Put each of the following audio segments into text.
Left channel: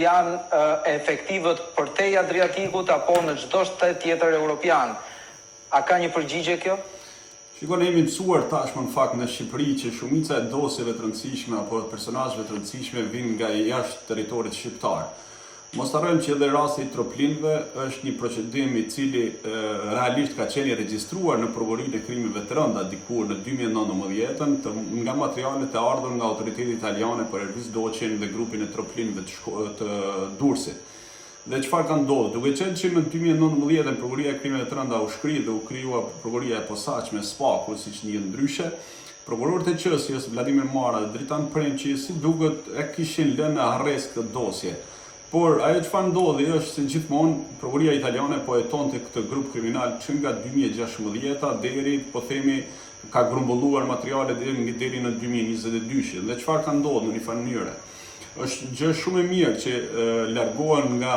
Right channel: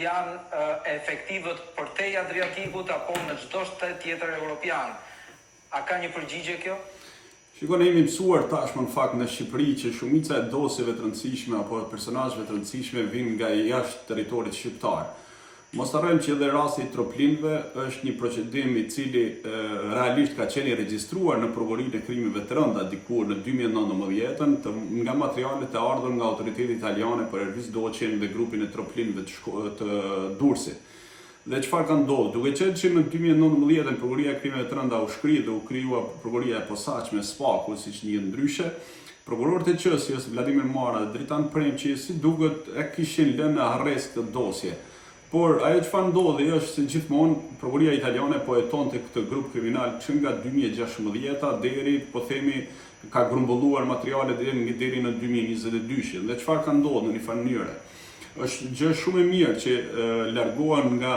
janë efektivët për te Adriatikut apo në çdo shtet tjetër evropian. A ka një përgjigje kjo? Shikon, jemi mësuar tashmë në fakt në Shqipëri që shumica e dosjeve të rëndësishme apo personazheve të rëndësishme vijnë nga jashtë territorit shqiptar. Mos harrojmë që edhe rasti i troplinëve është një procedim i cili realisht ka qenë i regjistruar në provorinë e krimeve të rënda dikur në 2019 nga materialet e ardhur nga autoritetet italiane për Ervis Doçin dhe grupin e troplinëve të Durrësit. Dhe çfarë ka ndodhur? Duke qenë që në 2019 provoria e krimeve të rënda u shkri dhe u krijua provoria e posaçme SPAKU, siç njihet ndryshe, prokurorët e qështjes Vladimir Mara dhe Dritan Premçi si duket e kishin lënë në arrest këtë dosje. Por ajo çfarë ndodhi është se gjithmonë prokuria italiane po hetonte këtë grup kriminal që nga 2016 deri, po themi, ka grumbulluar materiale deri në 2022. Dhe çfarë ka ndodhur në një farë mënyrë? Është gjë shumë e mirë që largohen nga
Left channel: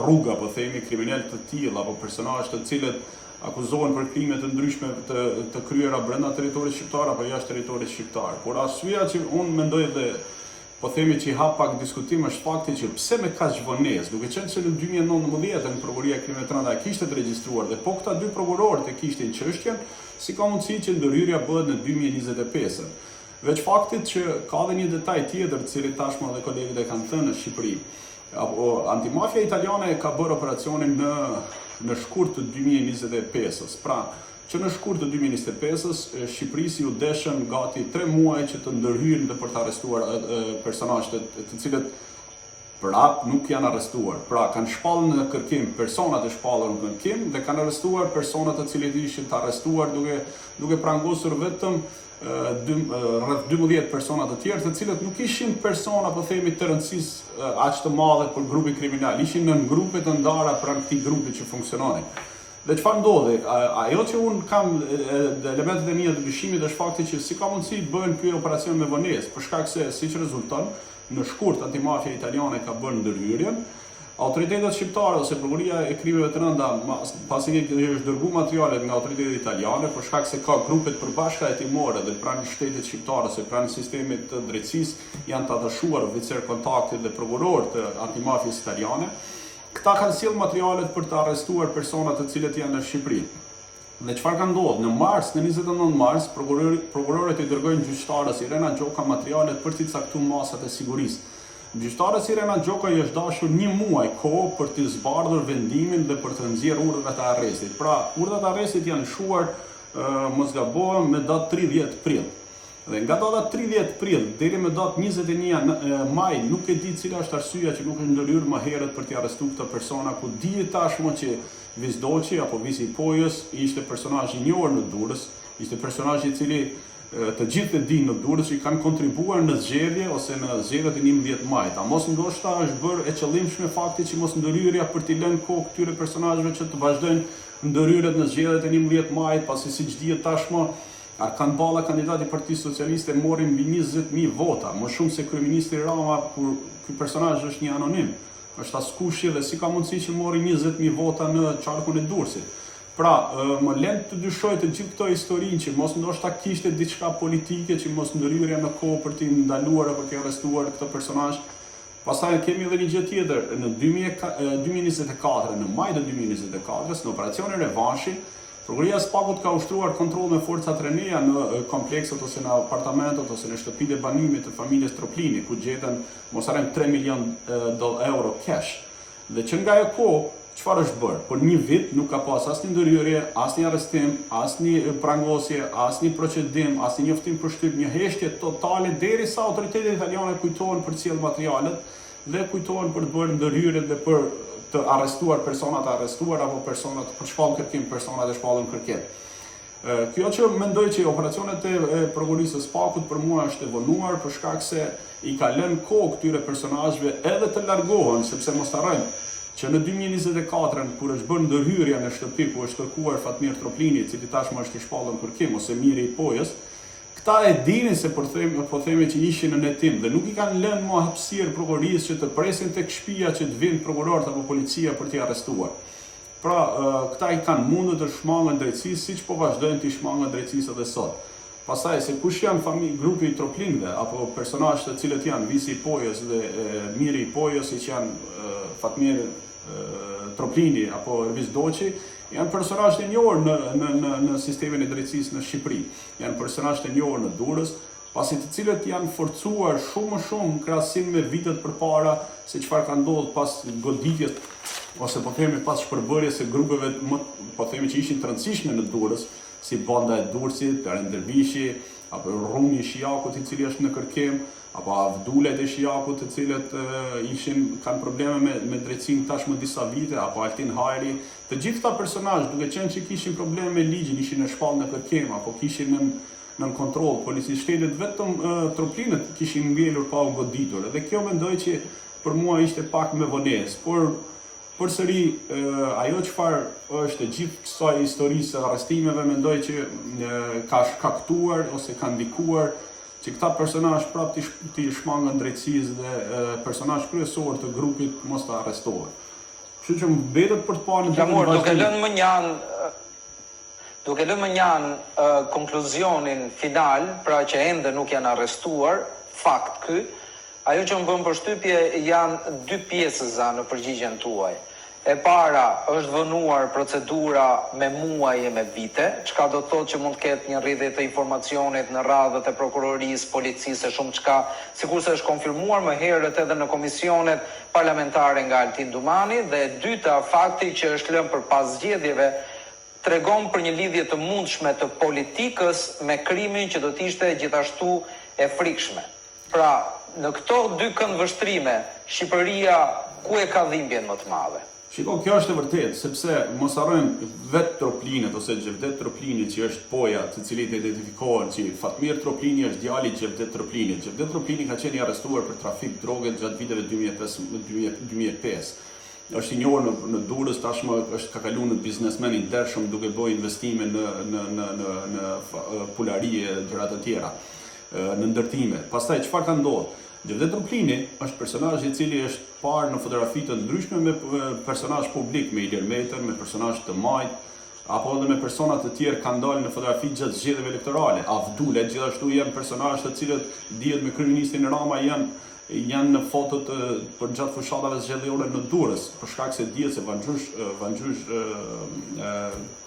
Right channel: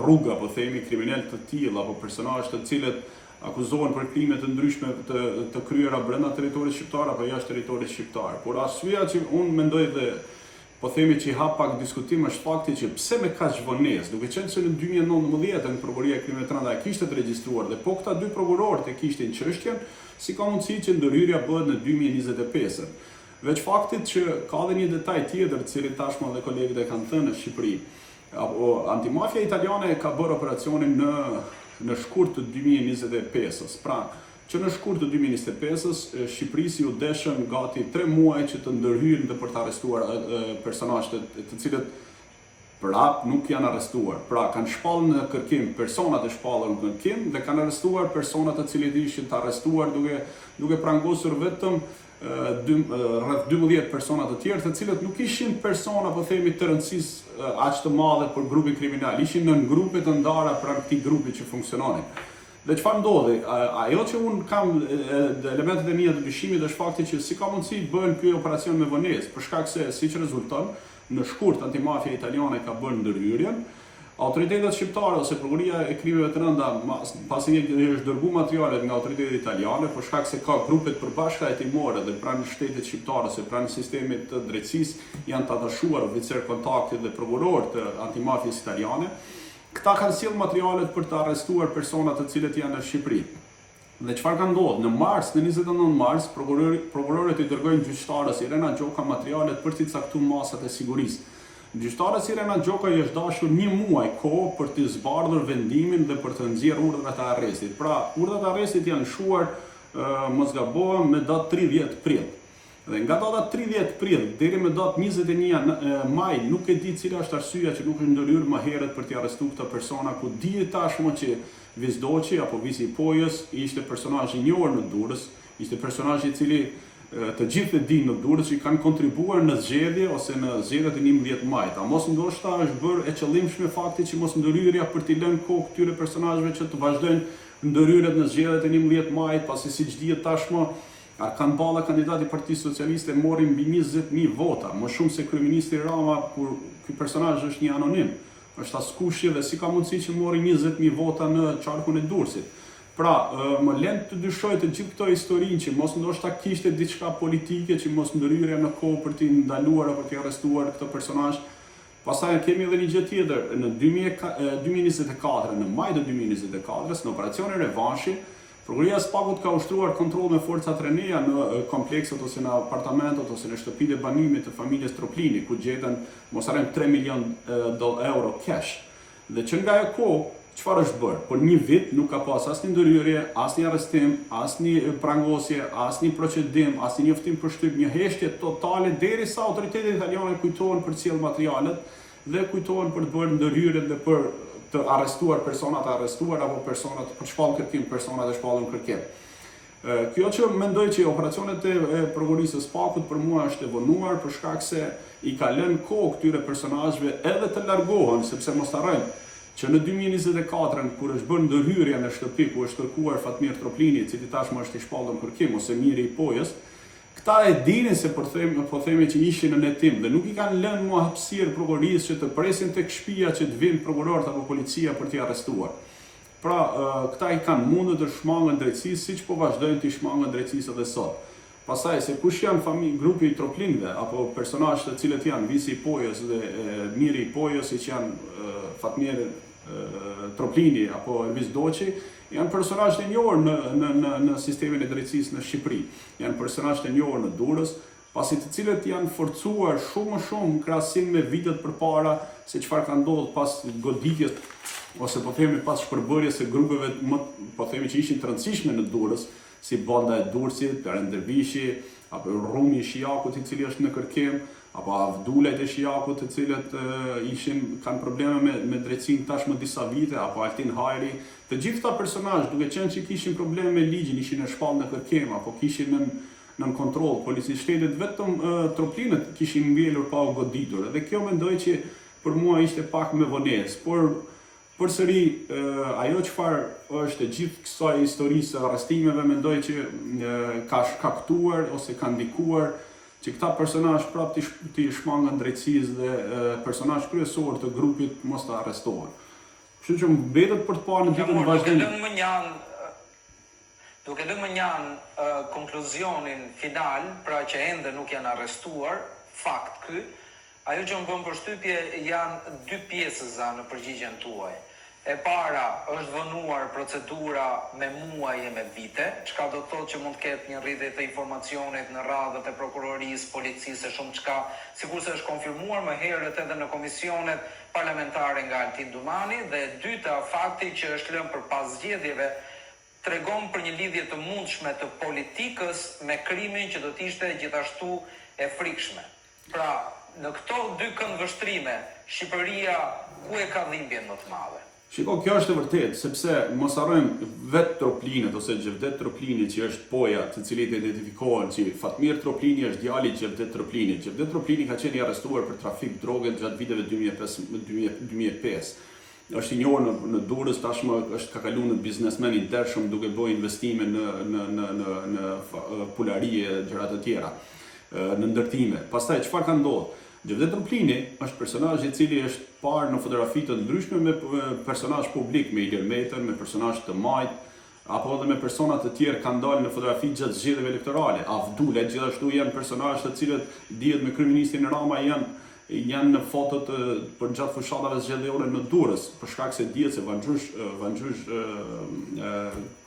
rruga, po themi, kriminalë të tillë apo personazhe të cilët akuzohen për krime të ndryshme të kryera brenda territorit shqiptar apo jashtë territorit shqiptar. Por arsyeja që unë mendoj dhe po themi që i hap pak diskutim është fakti që pse me kaq vonesë, duke qenë se në 2019 prokuria e krimeve të rënda kishte të regjistruar dhe po këta dy prokurorët e kishin çështjen, si ka mundësi që ndërhyrja bëhet në 2025. Veç faktit që ka edhe një detaj tjetër, cili tashmë edhe kolegët e kanë thënë në Shqipëri. Antimafia italiane ka bërë operacionin në shkurt të 2025-s. Pra, që në shkurt të 2025-s, Shqipërisë ju deshën gati 3 muaj që të ndërhyjnë dhe për të arrestuar personazhe të cilët prap nuk janë arrestuar. Pra, kanë shpallur në kërkim personat e shpallur në kërkim dhe kanë arrestuar personat të cilët ishin të arrestuar duke prangosur vetëm rreth 12 persona të tjerë, të cilët nuk ishin persona, po themi, të rëndësisë aq të madhe për grupin kriminal, ishin në grupe të ndara pranë këtij grupi që funksiononin. Dhe çfarë ndodhi? Ajo që un kam elementet e mia të dyshimit është fakti që si ka mundësi bëhen ky operacion me vonesë, për shkak se siç rezulton, në shkurt antimafia italiane ka bërë ndërhyrjen. Autoritetet shqiptare ose prokuria e krimeve të rënda, pasi është dërguar materialet nga autoritetet italiane, për shkak se ka grupe të përbashkëta hetimore dhe pranë shtetit shqiptar ose pranë sistemit të drejtësisë janë të atachuar oficer kontakti dhe prokurorë të antimafisë italiane, këta kanë sjellë materialet për të arrestuar persona të cilët janë në Shqipëri. Dhe çfarë ka ndodhur? Në mars, në 29 mars, prokurorët i dërgojnë gjyqtarës Irena Gjoka materialet për t'i caktuar masat e sigurisë. Gjyqtarës Irena Gjoka i është dashur 1 muaj kohë për të zbardhur vendimin dhe për të nxjerrë urdhrat e arrestit. Pra, urdhrat e arrestit janë lëshuar, mos gabohem, me datë 30 prill. Dhe nga data 30 prill deri me datë 21 maj nuk e di cila është arsyeja që nuk është ndërhyrë më herët për t'i arrestuar këta persona, ku dihet tashmë që Vis Doçi apo Visi i Pojës ishte personazh i njohur në Durrës, ishte personazh i cili të gjithë e dinë në Durrës që kanë kontribuar në zgjedhje ose në zgjedhjet e 11 majit. A mos ndoshta është bërë e qëllimshme fakti që mos ndërhyrja për t'i lënë kohë këtyre personazheve që të vazhdojnë ndërhyrjet në zgjedhjet e 11 majit, pasi siç dihet tashmë Arkan Balla, kandidati i Partisë Socialiste, mori mbi 20.000 vota, më shumë se kryeministri Rama, kur ky personazh është një anonim. Është askush dhe si ka mundësi që mori 20.000 vota në qarkun e Durrësit. Pra, më lën të dyshoj të gjithë këto historinë që mos ndoshta kishte diçka politike, që mos ndërhyrja në kohë për t'i ndaluar apo t'i arrestuar këtë personazh. Pastaj kemi edhe një gjë tjetër, në 2024, në maj të 2024, në operacionin Revanshi, prokuria e SPAKut ka ushtruar kontroll me forca të rënja në komplekset ose në apartamentet ose në shtëpitë e banimit të familjes Troplini, ku gjeten mos harrojmë 3 milion euro cash. Dhe që nga ajo kohë, çfarë është bërë? Por një vit nuk ka pas asnjë ndërhyrje, asnjë arrestim, asnjë prangosje, asnjë procedim, asnjë njoftim për shtyp, një heshtje totale derisa autoritetet italiane kujtohen për të sjellë materialet dhe kujtohen për të bërë ndërhyrjet dhe për të arrestuar personat e arrestuar apo personat për shpallë kërkim, personat e shpallën kërkim. Kjo që mendoj që operacionet e prokurisë së SPAKut për mua është e vonuar për shkak se i ka lënë kohë këtyre personazheve edhe të largohen, sepse mos harrojmë që në 2024, kur është bërë ndërhyrja në shtëpi ku është kërkuar Fatmir Troplini, i cili tashmë është i shpallur kërkim, ose Miri i Pojës, këta e dinin se po themi që ishin në hetim dhe nuk i kanë lënë më hapësirë prokurisë që të presin tek shtëpia që të vinë prokurorët apo policia për t'i arrestuar. Pra, këta i kanë mundur të shmangën drejtësisë, siç po vazhdojnë të shmangën drejtësisë edhe sot. Pastaj se kush janë grupi i troplinëve apo personazhe të cilët janë Visi i Pojës dhe Miri i Pojës, që janë Fatmir Troplini apo Ervis Doçi, janë personazhe të njohur në sistemin e drejtësisë në Shqipëri. Janë personazhe të njohur në Durrës, pasi të cilët janë forcuar shumë më shumë në krahasim me vitet përpara se çfarë ka ndodhur pas goditjes ose po themi pas shpërbërjes së grupeve po themi që ishin të rëndësishme në Durrës, si Banda e Durrësit, Dervishi, apo Rumi i Shijakut i cili është në kërkim, apo Avdulet e Shijakut të cilët kanë probleme me drejtësinë tashmë disa vite, apo Altin Hajri. Të gjithë këta personazhe, duke qenë që kishin probleme me ligjin, ishin në shpallë në kërkim, apo kishin në kontroll policisë shtetit, vetëm troplinët kishin mbjellur pa u goditur. Dhe kjo mendoj që për mua ishte pak me vonesë, por përsëri ajo çfarë është e gjithë kësaj historisë së arrestimeve, mendoj që ka shkaktuar ose ka ndikuar që këta personazhe prapë të shmangën drejtësisë dhe personazh kryesor të grupit mos të arrestohen. Kështu që mbetet për të parë në ditën vazhdim. Duke lënë më njanë konkluzionin final, pra që ende nuk janë arrestuar, fakt ky, ajo që më bën përshtypje janë dy pjesëza në përgjigjen tuaj. E para është vënuar procedura me muaj e me vite, çka do të thotë që mund të ketë një rrjedhje të informacionit në radhët e prokurorisë, policisë e shumë çka, sikurse është konfirmuar më herët edhe në komisionet parlamentare nga Altin Dumani, dhe e dyta fakti që është lënë përpas zgjedhjeve tregon për një lidhje të mundshme të politikës me krimin që do të ishte gjithashtu e frikshme. Pra, në këto dy këndvështrime, Shqipëria ku e ka dhimbjen më të madhe? Shiko, kjo është e vërtetë, sepse mos harrojmë vetë Troplinët ose Gjevdet Troplini që është poja të cilit e identifikohen që Fatmir Troplini është djali i Gjevdet Troplini. Gjevdet Troplini ka qenë i arrestuar për trafik droge gjatë viteve 2005. Është i njohur në Durrës, tashmë është ka kaluar në biznesmen i ndershëm duke bërë investime në pulari e gjëra të tjera, në ndërtime. Pastaj çfarë ka ndodhur? Gjevdet Troplini është personazh i cili është parë në fotografi të ndryshme me personazh publik, me Ilir Metën, me personazh të majt, apo edhe me persona të tjerë kanë dalë në fotografi gjatë zgjedhjeve elektorale. Avdulet gjithashtu janë personazhe të cilët dihet me kryeministin Rama janë në fotot për gjatë fushatave zgjedhjore në Durrës, për shkak se dihet se Vangjush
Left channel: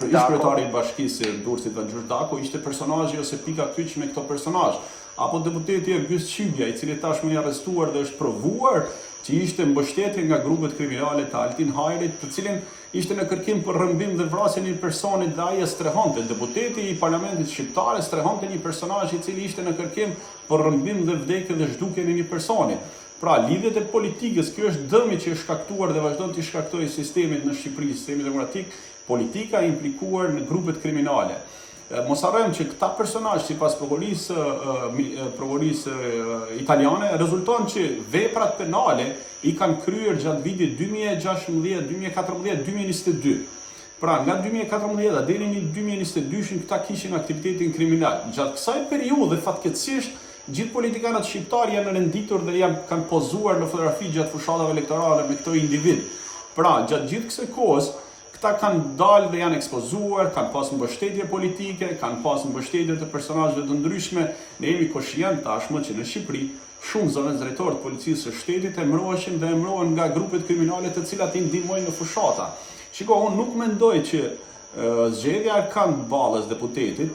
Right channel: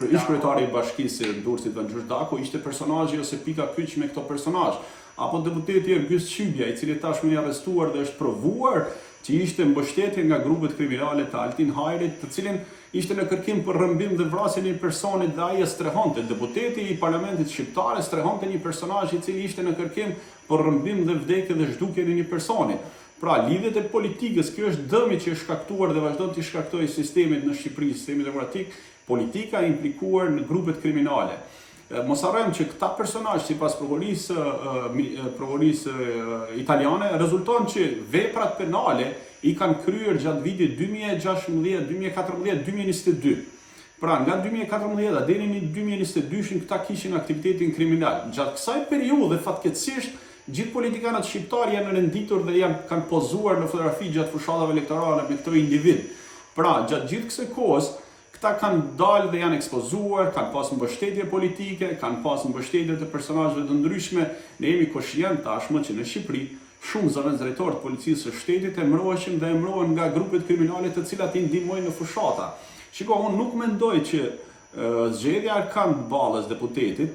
kryetari i bashkisë së Durrësit Vangjush Dako ishte personazhi ose pika kyç me këto personazh. Apo deputeti Ergys Çibja, i cili tashmë i arrestuar dhe është provuar që ishte mbështetje nga grupet kriminale të Altin Hajrit, të cilin ishte në kërkim për rrëmbim dhe vrasje një personi dhe ai e strehonte. Deputeti i Parlamentit Shqiptar strehonte një personazh i cili ishte në kërkim për rrëmbim dhe vdekje dhe zhdukje në një personi. Pra, lidhjet e politikës, kjo është dëmi që është shkaktuar dhe vazhdon të shkaktojë sistemit në Shqipëri, sistemi demokratik, politika e implikuar në grupet kriminale. Mos harrojmë që këta personazhe sipas prokurorisë italiane rezulton që veprat penale i kanë kryer gjatë vitit 2016, 2014, 2022. Pra, nga 2014 deri në 2022 këta kishin aktivitetin kriminal. Gjatë kësaj periudhe fatkeqësisht gjithë politikanët shqiptar janë renditur dhe kanë pozuar në fotografi gjatë fushatave elektorale me këto individ. Pra, gjatë gjithë kësaj kohës këta kanë dalë dhe janë ekspozuar, kanë pas mbështetje politike, kanë pas mbështetje të personazheve të ndryshme. Ne jemi koshient tashmë që në Shqipëri shumë zëvendësdrejtorë të policisë së shtetit emërohen dhe emërohen nga grupet kriminale të cilat i ndihmojnë në fushata. Shiko, unë nuk mendoj që zgjedhja e kanë ballës deputetit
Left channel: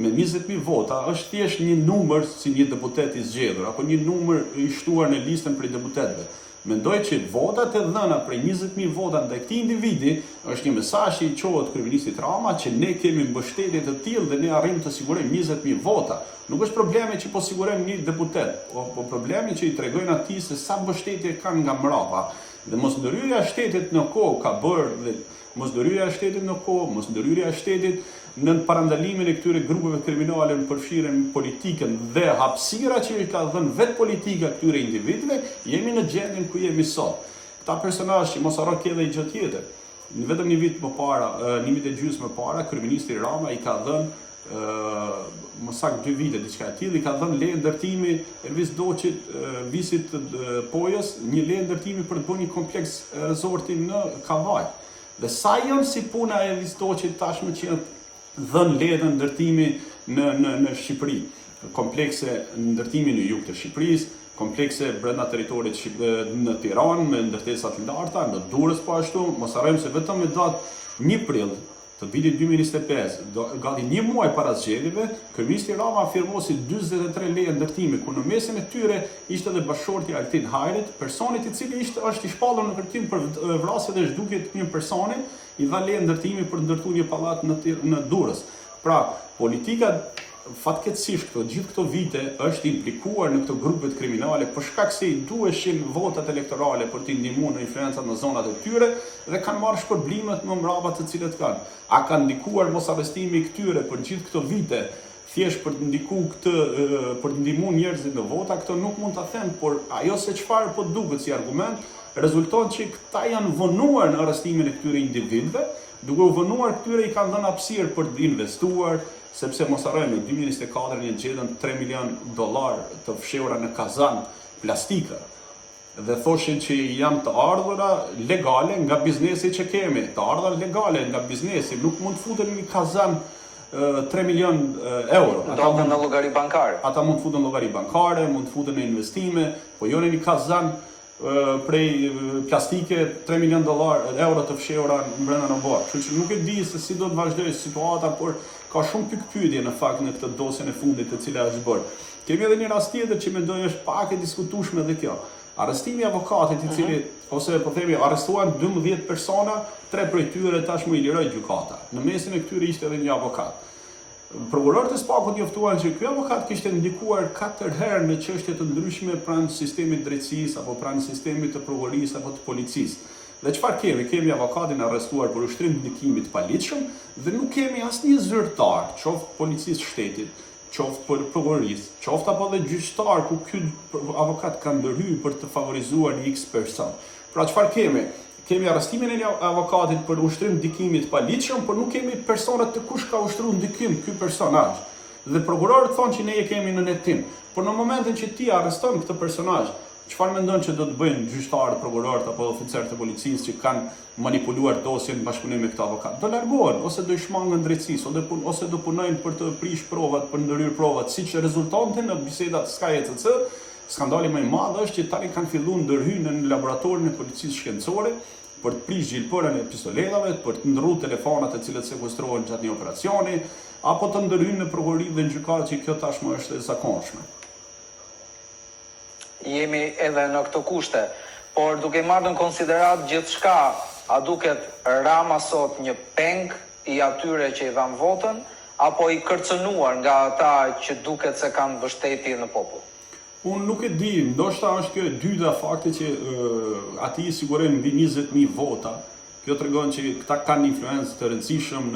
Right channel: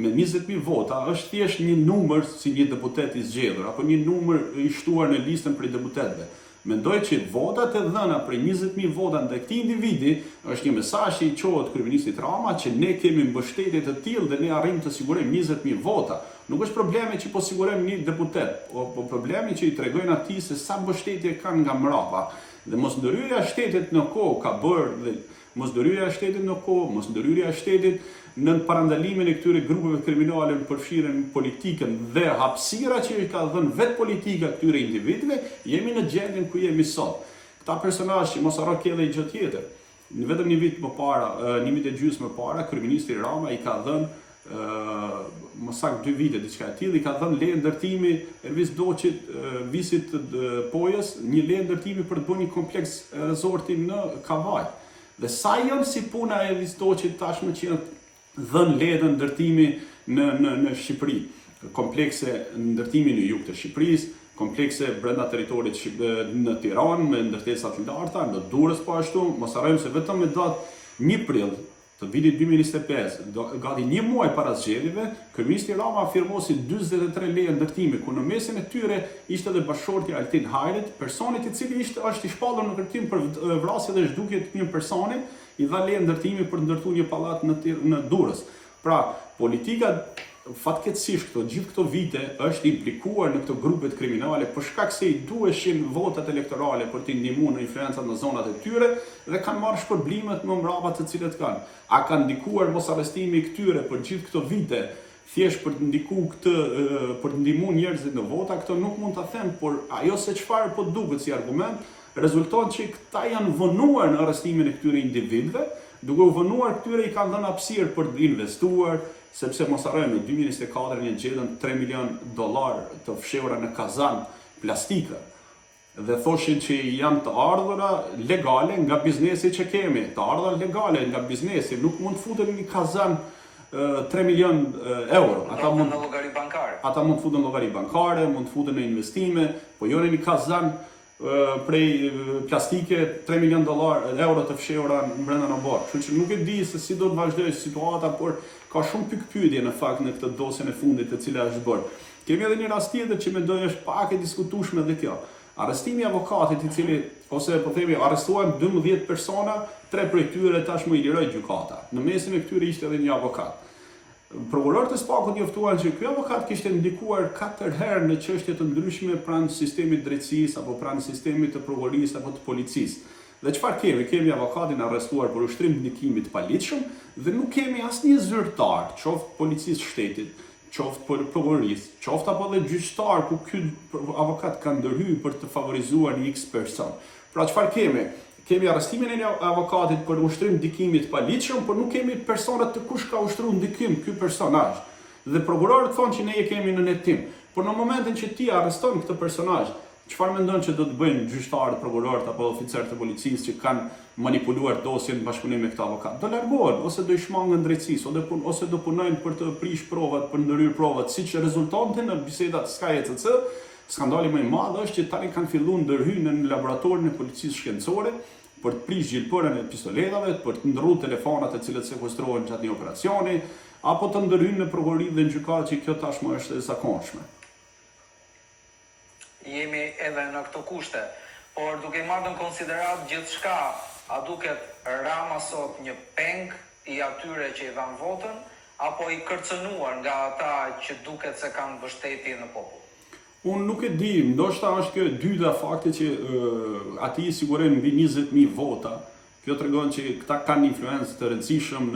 me 20.000 vota është thjesht një numër si një deputet i zgjedhur apo një numër i shtuar në listën për deputetëve. Mendoj që votat e dhëna prej 20.000 vota ndaj këtij individi është një mesazh i qohet kryeministit Rama që ne kemi mbështetje të tillë dhe ne arrim të sigurojmë 20.000 vota. Nuk është problemi që po sigurojmë një deputet, po problemi që i tregojnë atij se sa mbështetje kanë nga mbrapa. Dhe mosndërhyrja e shtetit në kohë ka bërë dhe mosndërhyrja e shtetit në kohë, mosndërhyrja e shtetit në parandalimin e këtyre grupeve kriminale në përfshirjen politikën dhe hapësira që i ka dhënë vetë politika këtyre individëve, jemi në gjendjen ku jemi sot. Këta personazhe që mos harro ke edhe gjë tjetër. Vetëm një vit më para, një vit e gjysmë më para, kryeministri Rama i ka dhënë më saktë 2 vite diçka e tillë, i ka dhënë leje ndërtimi Ervis Doçit, visit të Pojës, një leje ndërtimi për të bërë një kompleks rezorti në Kavaj. Dhe sa janë si puna e Ervis Doçit tashmë që dhën leje ndërtimi në Shqipëri. Komplekse ndërtimi në jug të Shqipërisë, komplekse brenda territorit në Tiranë me ndërtesa të larta, në Durrës po ashtu. Mos harrojmë se vetëm me datë 1 prill të vitit 2025, gati 1 muaj para zgjedhjeve, kryeministri Rama afirmosi 43 leje ndërtimi, ku në mesin e tyre ishte edhe bashorti Altin Hajrit, personit i cili është i shpallur në kërkim për vrasje dhe zhdukje të një personi, i dha leje ndërtimi për ndërtuar një pallat në Durrës. Pra, politika fatkeqësisht gjithë këto vite është implikuar në këto grupet kriminale për shkak se i duheshin votat elektorale për t'i ndihmuar në influencat në zonat e tyre dhe kanë marrë shpërblimet më mbrapa të cilët kanë. A kanë ndikuar mos arrestimi i këtyre për gjithë këto vite thjesht për të ndikuar për të ndihmuar njerëzit në vota, këto nuk mund ta them, por ajo se çfarë po duket si argument rezulton që këta janë vënuar në arrestimin e këtyre individëve, duke u vënuar këtyre i kanë dhënë hapësirë për të investuar, sepse mos harrojmë në 2024 një gjetën $3 milion të fshehura në kazan plastike dhe thoshin që janë të ardhura legale nga biznesi që kemi, të ardhura legale nga biznesi, nuk mund të futen në një kazan 3 milion euro. Ata mund në llogari bankare. Ata mund të futen në llogari bankare, mund të futen në investime, po jo në një kazan prej plastike $3 milion euro të fshehura brenda në borë. Kështu që nuk e di se si do të vazhdojë situata, por ka shumë pikpyetje në fakt në këtë dosjen e fundit të cila është bërë. Kemi edhe një rast tjetër që mendoj është pak e diskutueshme edhe kjo. Arrestimi i avokatit i cili ose po themi arrestuan 12 persona, 3 prej tyre tashmë i liroi gjykata. Në mesin e këtyre ishte edhe një avokat. Prokurorët e SPAK-ut njoftuan që ky avokat kishte ndikuar 4 herë në çështje të ndryshme pranë sistemit drejtësisë apo pranë sistemit të prokurorisë apo të policisë. Dhe çfarë kemi? Kemi avokatin arrestuar për ushtrim ndikimi të paligjshëm dhe nuk kemi asnjë zyrtar, qoftë policisë shtetit, qoftë për prokurorisë, qoftë apo edhe gjyqtar ku ky avokat ka ndërhyrë për të favorizuar një X person. Pra çfarë kemi? Kemi arrestimin e një avokatit për ushtrim ndikimi të paligjshëm, por nuk kemi personat të kush ka ushtruar ndikim ky personazh. Dhe prokurorët thonë që ne e kemi në netim. Por në momentin që ti arreston këtë personazh, çfarë mendon që do të bëjnë gjyqtarët, prokurorët apo oficerët e policisë që kanë manipuluar dosjen në bashkëpunim me këtë avokat? Do largohen ose do i shmangën drejtësisë ose do punojnë për të prish provat, për ndërhyr provat, siç rezultonte në bisedat SKJ-CC. Skandali më i madh është që tani kanë filluar ndërhyrjen në laboratorin e policisë shkencore për të prish gjilpërën e pistoletave, për të ndërruar telefonat të cilët sekuestrohen gjatë një operacioni, apo të ndërhyjnë në prokurori dhe në gjykatë, që kjo tashmë është e zakonshme. Jemi edhe në këto kushte, por duke marrë në konsiderat gjithçka, a duket Rama sot një peng i atyre që i dhanë votën, apo i kërcënuar nga ata që duket se kanë mbështetje në popull? Unë nuk e di, ndoshta është kjo e dyta fakti që ati i sigurojnë mbi 20.000 vota. Kjo tregon që këta kanë influencë të rëndësishëm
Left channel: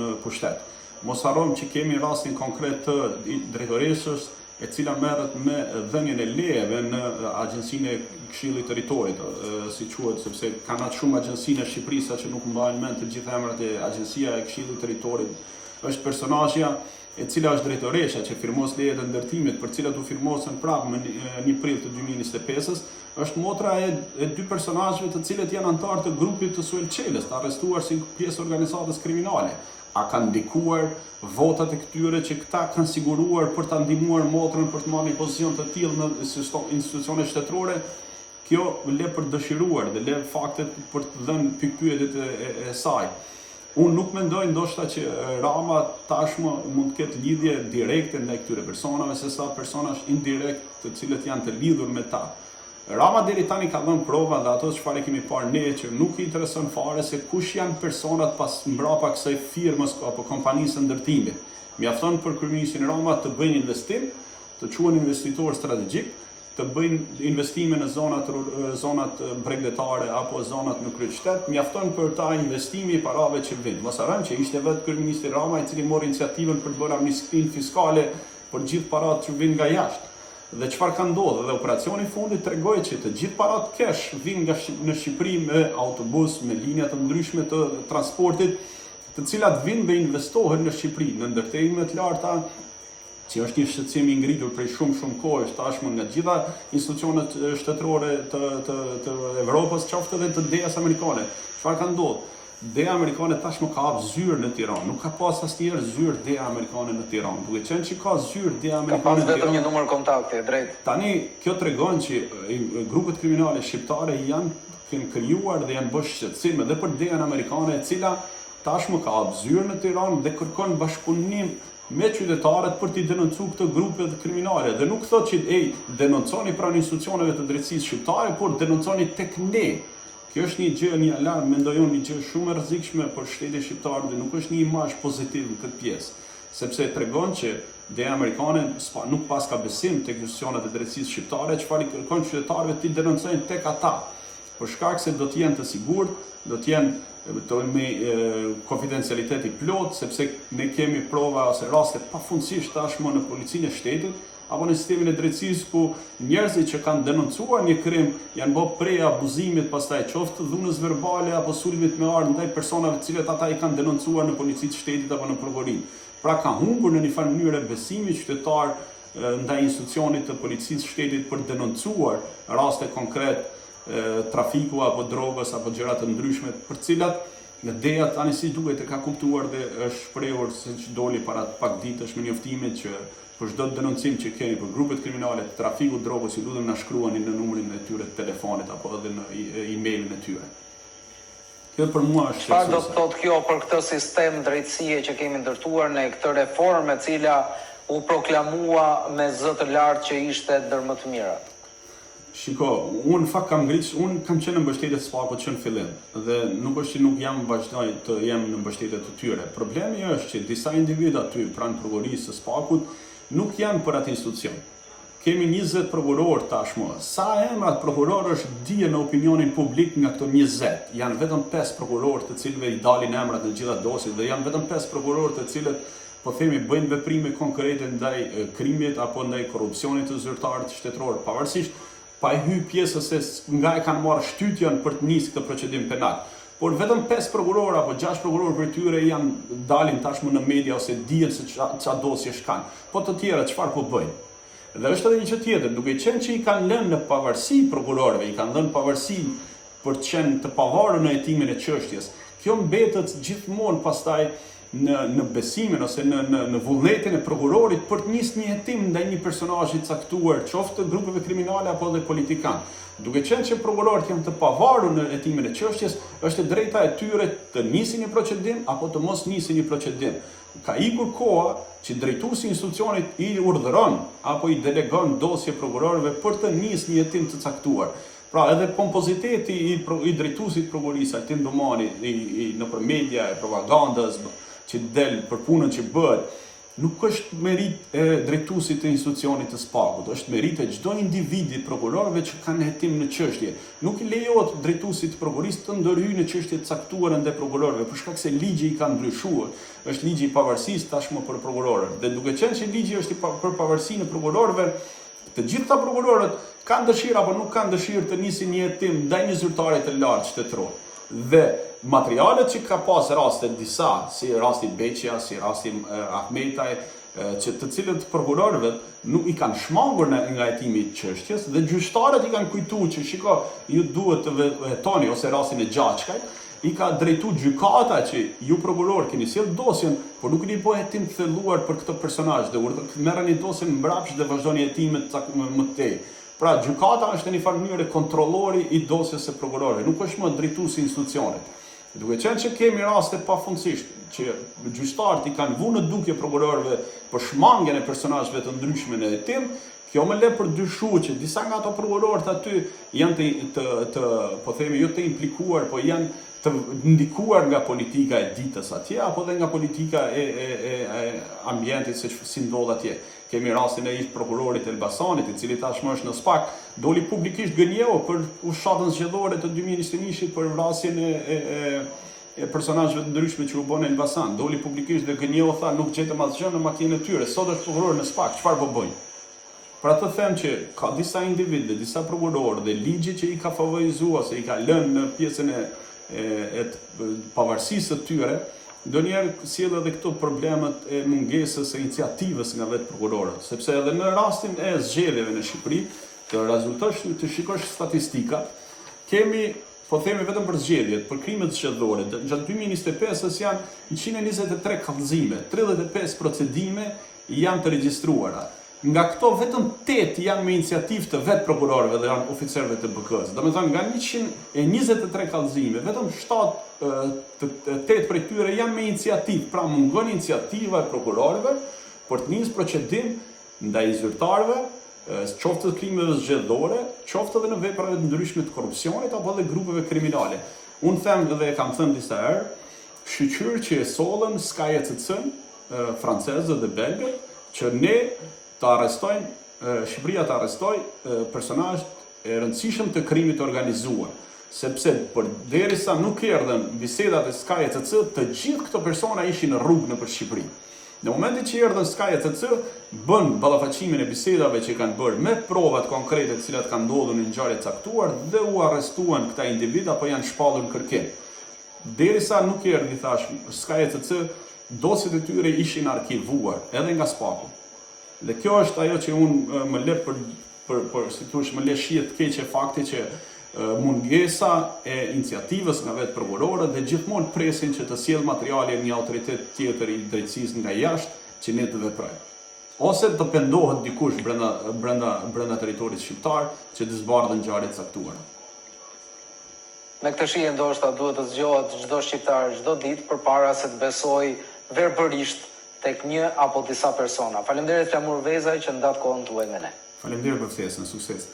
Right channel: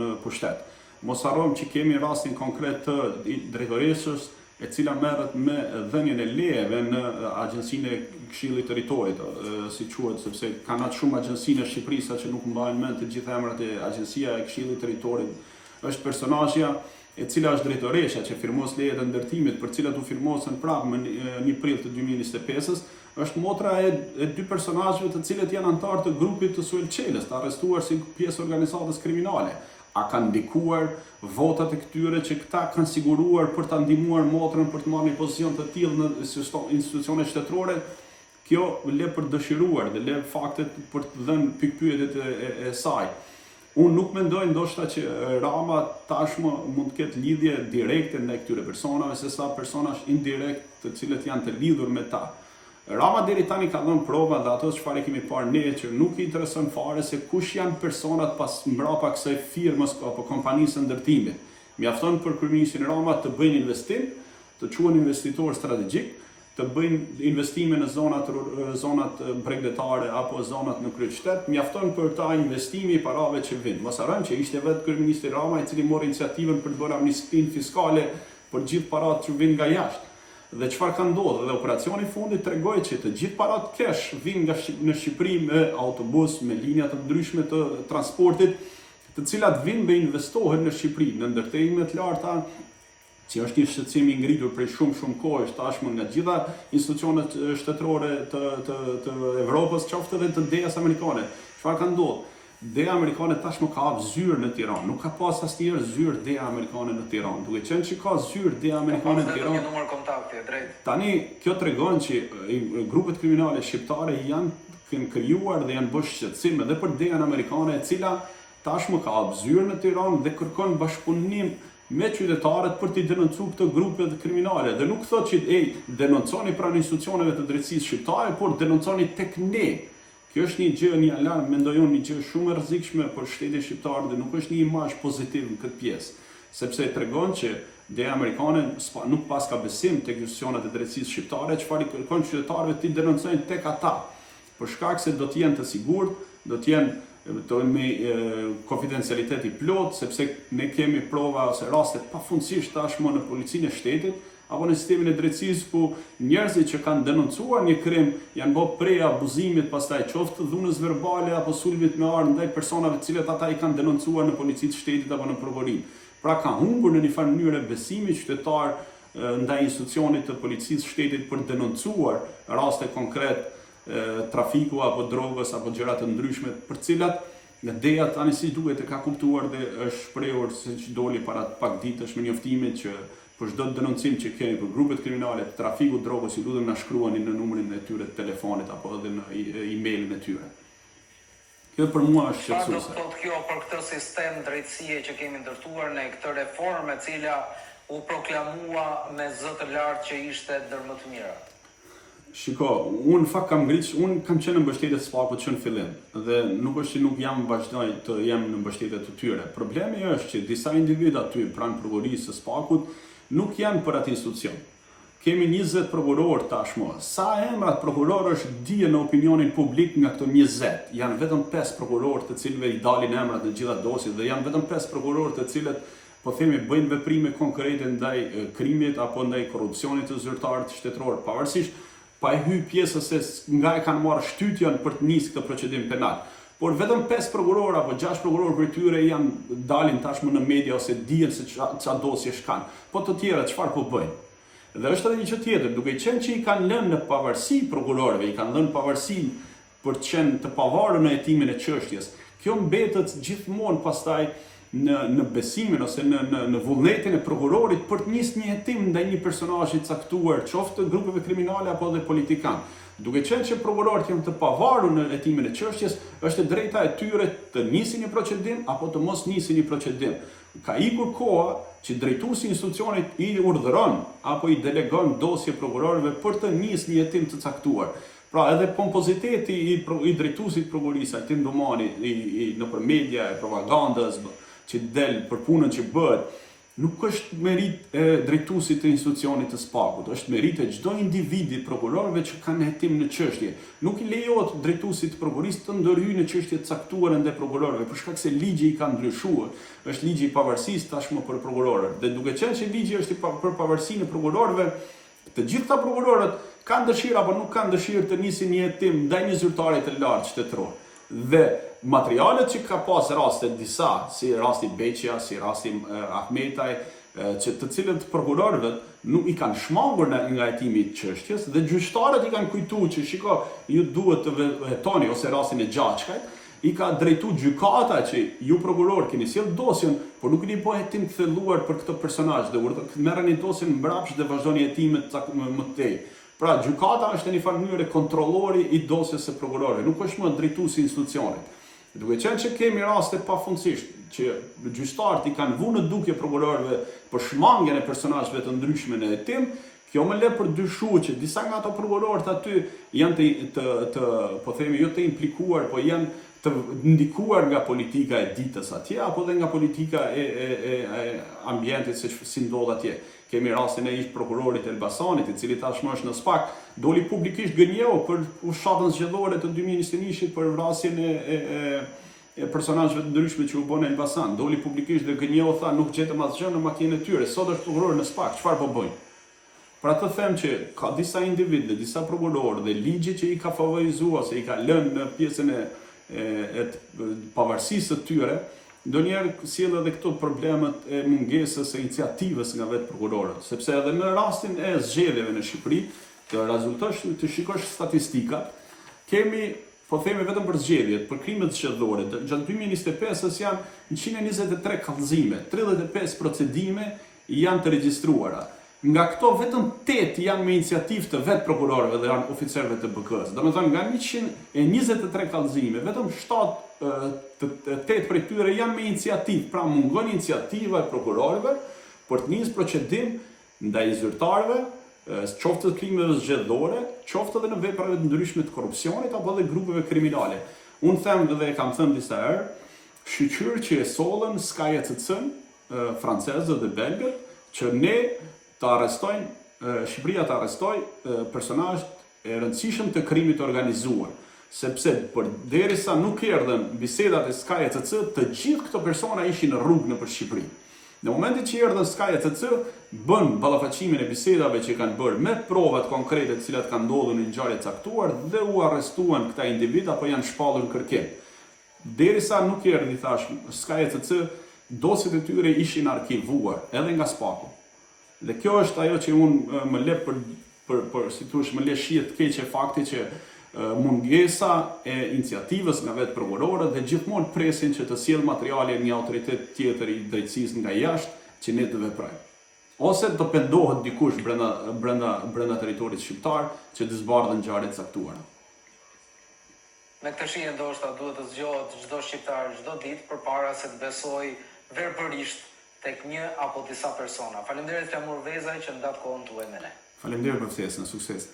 në pushtet. Mos harrojmë që kemi rastin konkret të drejtoresës e cila merret me dhënien e lejeve në Agjencinë e Këshillit të Territorit, si quhet, sepse kanë atë shumë agjenci në Shqipëri sa që nuk mbajnë mend të gjithë emrat e Agjencia e Këshillit të Territorit. Është personazhja e cila është drejtoresha që firmos lejet e ndërtimit për cilat u firmosën prapë më 1 prill të 2025-s, është motra e 2 personazheve të cilët janë anëtar të grupit të Suel Çelës, të arrestuar si pjesë organizatës kriminale. A kanë ndikuar votat e këtyre që këta kanë siguruar për ta ndihmuar motrën për të marrë një pozicion të tillë në institucione shtetërore? Kjo le për dëshiruar dhe le faktet për të dhënë pikpyetjet e saj. Unë nuk mendoj ndoshta që Rama tashmë mund të ketë lidhje direkte ndaj këtyre personave, se sa personazh indirekt të cilët janë të lidhur me ta. Rama deri tani ka dhënë prova dhe ato çfarë kemi parë ne që nuk i intereson fare se kush janë personat pas mbrapa kësaj firmës apo kompanisë së ndërtimit. Mjafton për kryeministrin Rama të bëjnë investim, të quhen investitor strategjik, të bëjnë investime në zonat bregdetare apo zonat në kryeqytet, mjafton për ta investimi i parave që vijnë. Mos harrojmë që ishte vetë kryeministri Rama i cili mori iniciativën për të bërë amnistinë fiskale për gjithë paratë që vijnë nga jashtë. Dhe çfarë ka ndodhur? Dhe operacioni i fundit tregoi që të gjithë paratë cash vijnë në Shqipëri me autobus, me linja të ndryshme të transportit, të cilat vijnë dhe investohen në Shqipëri në ndërtime të larta, që është një shqetësim i ngritur prej shumë kohësh tashmë nga gjitha institucionet shtetërore të Evropës, qoftë edhe të DS amerikane. Çfarë ka ndodhur? Deja amerikane tashmë ka hap zyrë në Tiranë, nuk ka pas asnjëherë zyrë deja amerikane në Tiranë. Duke qenë që ka zyrë deja amerikane në Ka pas vetëm Tiranë. një numër kontakti, drejt. Tani kjo tregon që grupet kriminale shqiptare janë krijuar dhe janë bërë shqetësim edhe për dejan amerikane, e cila tashmë ka hap zyrë në Tiranë dhe kërkon bashkëpunim me qytetarët për t'i denoncuar këto grupe kriminale. Dhe nuk thotë që denonconi pranë institucioneve të drejtësisë shqiptare, por denonconi tek ne. Kjo është një gjë, një alarm, mendoj unë, një gjë shumë e rrezikshme për shtetin shqiptar dhe nuk është një imazh pozitiv në këtë pjesë, sepse tregon që deja amerikane nuk pas ka besim tek institucionet e drejtësisë shqiptare, çfarë i kërkon qytetarëve t'i denoncojnë tek ata, për shkak se do të jenë të sigurt, do të jenë me konfidencialitet i plot, sepse ne kemi prova ose raste pafundësisht tashmë në policinë e shtetit apo në sistemin e drejtësisë ku njerëzit që kanë denoncuar një krim janë bërë prej abuzimit, pastaj qoftë dhunës verbale apo sulmit me armë ndaj personave të cilët ata i kanë denoncuar në policitë të shtetit apo në prokurorin. Pra ka humbur në një farë mënyrë besimi qytetar ndaj institucionit të policisë së shtetit për denoncuar raste konkret trafiku apo drogës apo gjëra të ndryshme për cilat në deja tani si duhet e ka kuptuar dhe është shprehur se doli para pak ditësh me njoftimin që për çdo denoncim që keni për grupet kriminale të trafikut drogës, i lutem na shkruani në numrin e tyre të telefonit apo edhe në emailin e tyre. Kjo për mua është Çfarë do të thotë kjo për këtë sistem drejtësie që kemi ndërtuar në këtë reformë e cila u proklamua me zë të lartë që ishte ndër më të mirat? Shiko, unë fakt kam qenë në mbështetje të SPAK-ut që në fillim dhe nuk është që nuk jam vazhdoj të jem në mbështetje të tyre. Problemi është që disa individë aty pranë prokurorisë së SPAK-ut nuk janë për atë institucion. Kemi 20 prokurorë tashmë. Sa emrat prokurorësh dihen në opinionin publik nga këto 20? Janë vetëm 5 prokurorë të cilëve i dalin emrat në gjitha dosjet dhe janë vetëm 5 prokurorë të cilët po themi bëjnë veprime konkrete ndaj krimit apo ndaj korrupsionit të zyrtarët shtetëror, pavarësisht pa e hy pjesës se nga e kanë marrë shtytjen për të nisë këtë procedim penal. Por vetëm 5 prokurorë apo 6 prokurorë për tyre janë dalin tashmë në media ose dihen se ça dosje shkan. Po të tjerët çfarë po bëjnë? Dhe është edhe një gjë tjetër, duke qenë që i kanë lënë në pavarësi prokurorëve, i kanë lënë pavarësi për të qenë të pavarur në hetimin e çështjes. Kjo mbetet gjithmonë pastaj në besimin ose në vullnetin e prokurorit për të nisë një hetim ndaj një personazhi të caktuar, qoftë të grupeve kriminale apo dhe politikan. Duke qenë që prokurorët janë të pavarur në hetimin e çështjes, është e drejta e tyre të nisin një procedim apo të mos nisin një procedim. Ka ikur koha që drejtuesi i institucionit i urdhëron apo i delegon dosje prokurorëve për të nisë një hetim të caktuar. Pra edhe pompoziteti i drejtuesit prokurorisë, Altin Domani, nëpër media e propagandës që del për punën që bëhet, nuk është merit e drejtuesit të institucionit të SPAK-ut, është merit e çdo individi prokurorëve që kanë hetim në çështje. Nuk i lejohet drejtuesit të prokurorisë të ndërhyjë në çështje të caktuara ndaj prokurorëve, për shkak se ligji i ka ndryshuar. Është ligji i pavarësisë tashmë për prokurorët. Dhe duke qenë që ligji është për pavarësinë e prokurorëve, të gjitha prokurorët kanë dëshirë apo nuk kanë dëshirë të nisin një hetim ndaj një zyrtari të lartë shtetëror. Dhe materialet që ka pas raste disa, si rasti Beqja, si rasti Ahmetaj, që të cilët prokurorëve nuk i kanë shmangur nga hetimi i çështjes dhe gjyqtarët i kanë kujtuar që shiko, ju duhet të hetoni ose rastin e Gjaçkajt, i ka drejtu gjykata që ju prokuror keni sjell dosjen, por nuk keni bënë hetim të thelluar për këtë personazh dhe merreni dosjen mbrapsht dhe vazhdoni hetimet më tej. Pra, gjykata është në një farë mënyrë kontrollori i dosjes së prokurorëve, nuk është më drejtuesi i institucionit. Duke qenë që kemi raste pafundësisht që gjyqtarët i kanë vënë në dukje prokurorëve për shmangjen e personazheve të ndryshme në hetim, kjo më le për dyshuar që disa nga ato prokurorët aty janë po themi jo të implikuar, po janë të ndikuar nga politika e ditës atje apo dhe nga politika e ambientit si ndodh atje. Kemi rastin e ish prokurorit Elbasanit, i cili tashmë është në SPAK, doli publikisht gënjeu për fushatën zgjedhore të 2021-shit për vrasjen e personazheve të ndryshme që u bën në Elbasan. Doli publikisht dhe gënjeu, tha nuk gjetëm asgjë në makinën e tyre. Sot është prokuror në SPAK, çfarë po bëjnë? Pra të them që ka disa individë, disa prokurorë dhe ligji që i ka favorizuar ose i ka lënë në pjesën e pavarësisë të tyre, ndonjëherë sjell edhe këto problemet e mungesës së iniciativës nga vetë prokurorët, sepse edhe në rastin e zgjedhjeve në Shqipëri, të rezultosh të shikosh statistikat, kemi po themi vetëm për zgjedhjet, për krimet zgjedhore, gjatë 2025-s janë 123 kallëzime, 35 procedime janë të regjistruara. Nga këto vetëm 8 janë me iniciativë të vetë prokurorëve dhe janë oficerëve të BK-s. Domethënë nga 123 kallëzime, vetëm 8 prej tyre janë me iniciativë, pra mungon iniciativa e prokurorëve për të nisur procedim ndaj zyrtarëve, qoftë të krimeve zgjedhore, qoftë edhe në vepra të ndryshme të korrupsionit apo edhe grupeve kriminale. Unë them dhe e kam thënë disa herë, shqyqyr që e sollën SKJCC-n, francezët dhe belgët, që ne të arrestojnë, Shqipëria të arrestoj personazh e rëndësishëm të krimit organizuar. Sepse derisa nuk erdhën bisedat e SKJCC, të gjithë këto persona ishin në rrugë nëpër Shqipëri. Në momentin që erdhën SKJCC, bën ballafaqimin e bisedave që kanë bërë me provat konkrete të cilat kanë ndodhur në ngjarje të caktuar dhe u arrestuan këta individ apo janë shpallur në kërkim. Derisa nuk erdhi thash SKJCC, dosjet e tyre ishin arkivuar edhe nga SPAK-u. Dhe kjo është ajo që unë më le më le shihet të keqe fakti që mungesa e iniciativës nga vetë prokurorët dhe gjithmonë presin që të sjellë materiale një autoritet tjetër i drejtësisë nga jashtë që ne të veprojmë. Ose të pendohet dikush brenda territorit shqiptar që të zbardhën ngjarje të caktuara. Me këtë shije ndoshta duhet të zgjohet çdo shqiptar çdo ditë përpara se të besojë verbërisht tek një apo disa persona. Faleminderit Flamur Vezaj që ndat kohën tuaj me ne. Faleminderit për ftesën, sukses.